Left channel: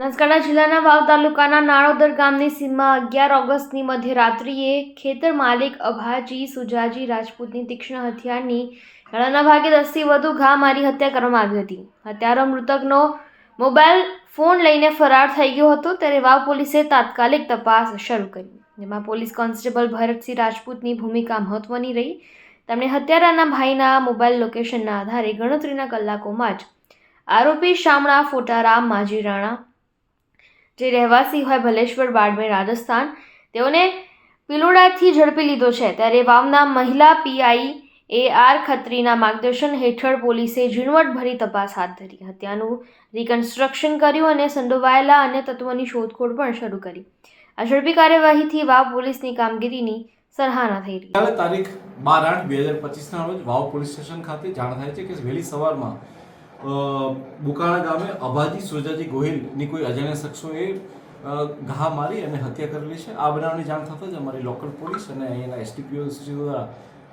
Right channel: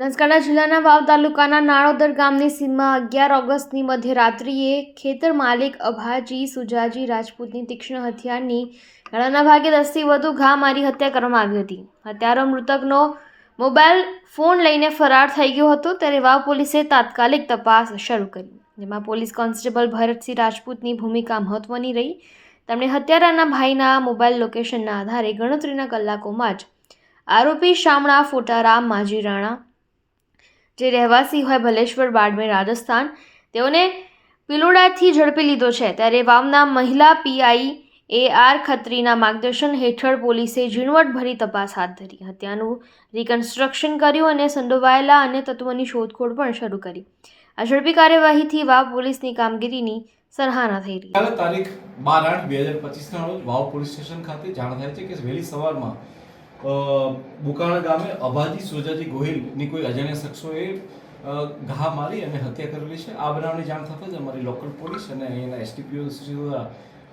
બનાસકાંઠા જિલ્લાના વાવ તાલુકાના નાણોદર ગામની સીમમાં અગિયાર ઓગસ્ટની મધ્યરાત્રિએ ખેતર માલિક અભાજી સુજાજી રાજપૂતની તીક્ષ્ણ હથિયારની ગળાના ભાગે દસથી વધુ ઘા મારી હત્યા કરવામાં આવી હતી. હત્યારો મૃતકનો મોબાઈલ ફોન લઈને ફરાર થઈ ગયો હતો ત્યારે વાવ પોલીસે તાત્કાલિક તપાસ શરૂ કરી. જેમાં પોલીસ કોન્સ્ટેબલ ભરતસિંહ રાજપૂતની ભૂમિકા મહત્વની રહી. તેમણે હત્યારાના ભાઈના મોબાઈલ લોકેશનના આધારે ગણતરીના કલાકોમાં જ આરોપી શામળા ફોટારામ માજી રાણા જે રહેવાસી હોય ભલેશ્વર, બાડમેર, રાજસ્થાન, તેઓને પિલોડાથી ઝડપી લીધો છે. ત્યારે વાવના મહિલા પીઆઈ એ આર ખત્રીના માર્ગદર્શન હેઠળ પોલીસે ઝીણવટભરી તપાસ હાથ ધરી. હત્યાનું રિકન્સ્ટ્રક્શન કર્યું અને સંડોવાયેલા અને તત્વોની શોધખોળ પણ શરૂ કરી. આ ઝડપી કાર્યવાહીથી વાવ પોલીસની કામગીરીની સરાહના થઈ રહી. તારીખ બાર આઠ બે હજાર પચીસના રોજ વાવ પોલીસ સ્ટેશન ખાતે જાણ થાય છે કે વહેલી સવારમાં બુકાણા ગામે અભાજી સોજાજી ગોહિલની કોઈ અજાણ્યા શખ્સોએ ઘા મારી અને હત્યા કરેલી છે. આ બનાવની જાણ થતાં જ અમારી લોકલ પોલીસ અને અહીંયાના એસટીપીઓ દ્વારા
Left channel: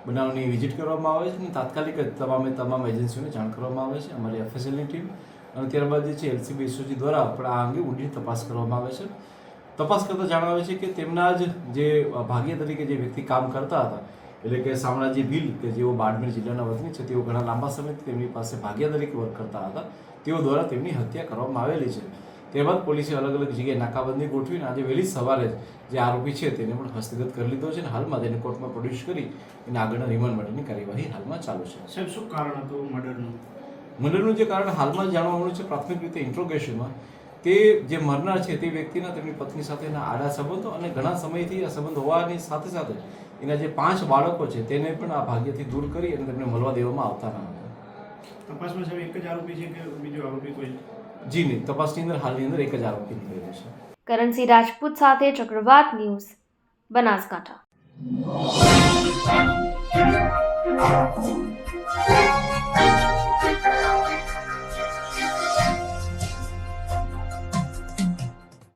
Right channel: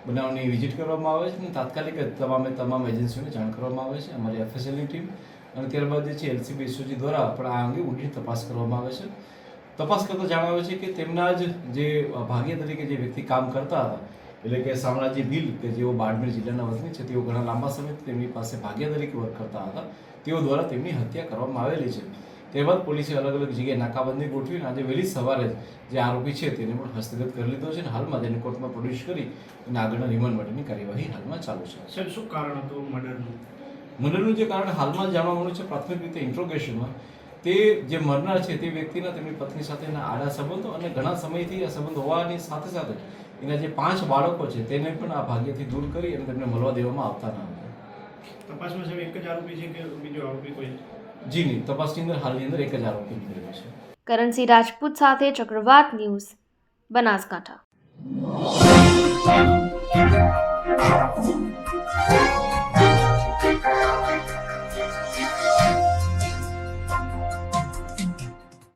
બનાવની વિઝિટ કરવામાં આવે છે અને તાત્કાલિક જ તમામે તમામ એજન્સીઓને જાણ કરવામાં આવે છે. અમારી એફએસએલની ટીમ અને ત્યારબાદ જે છે એલસીબી એસઓજી દ્વારા પણ આ અંગે ઊંડી તપાસ કરવામાં આવે છે. તપાસ કરતાં જણાવે છે કે તેમના જ જે ભાગ્ય તરીકે જે વ્યક્તિ કામ કરતા હતા એટલે કે શામળાજી ભીલ કે જેઓ બાડમેર જિલ્લાના વતની છે તેઓ ઘણા લાંબા સમયથી તેમની પાસે ભાગ્યા તરીકે વર્ક કરતા હતા. તેઓ દ્વારા તેમની હત્યા કરવામાં આવેલી છે. ત્યારબાદ પોલીસે અલગ અલગ જગ્યાએ નાકાબંધી ગોઠવીને આજે વહેલી સવારે જ જે આરોપી છે તેને પણ હસ્તગત કરી લીધો છે અને હાલમાં તેને કોર્ટમાં પ્રોડ્યુસ કરી અને આગળના રિમાન્ડ માટેની કાર્યવાહી હાલમાં ચાલુ છે. સાહેબ શું કારણ હતું મર્ડરનું? મર્ડરનું જે કારણ હાલમાં જાણવા મળ્યું છે પ્રાથમિક રીતે ઇન્ટ્રોગેશનમાં તે જે મરનાર છે તે વ્યક્તિના તેમની પત્ની સાથેના આડા સંબંધો અને ઘણા સમયથી આ સંબંધ હોવાની સાથે સાથે એના જે પાંચ બાળકો છે તેને પણ આ ભાગ્યથી દૂર કરી અને તેમને મળવા દેવામાં આવતા ન હતા તપાસમાં સાહેબ એક જ આરોપી છે કે બીજો આરોપી કોઈ? જી નહીં તપાસની અંદર હાલની અંદર એક જ આરોપી નીકળેલો છે. કરણસિંહ રાજપૂત સાથે ચક્રવાત ન્યૂઝ બનાસકાંઠા.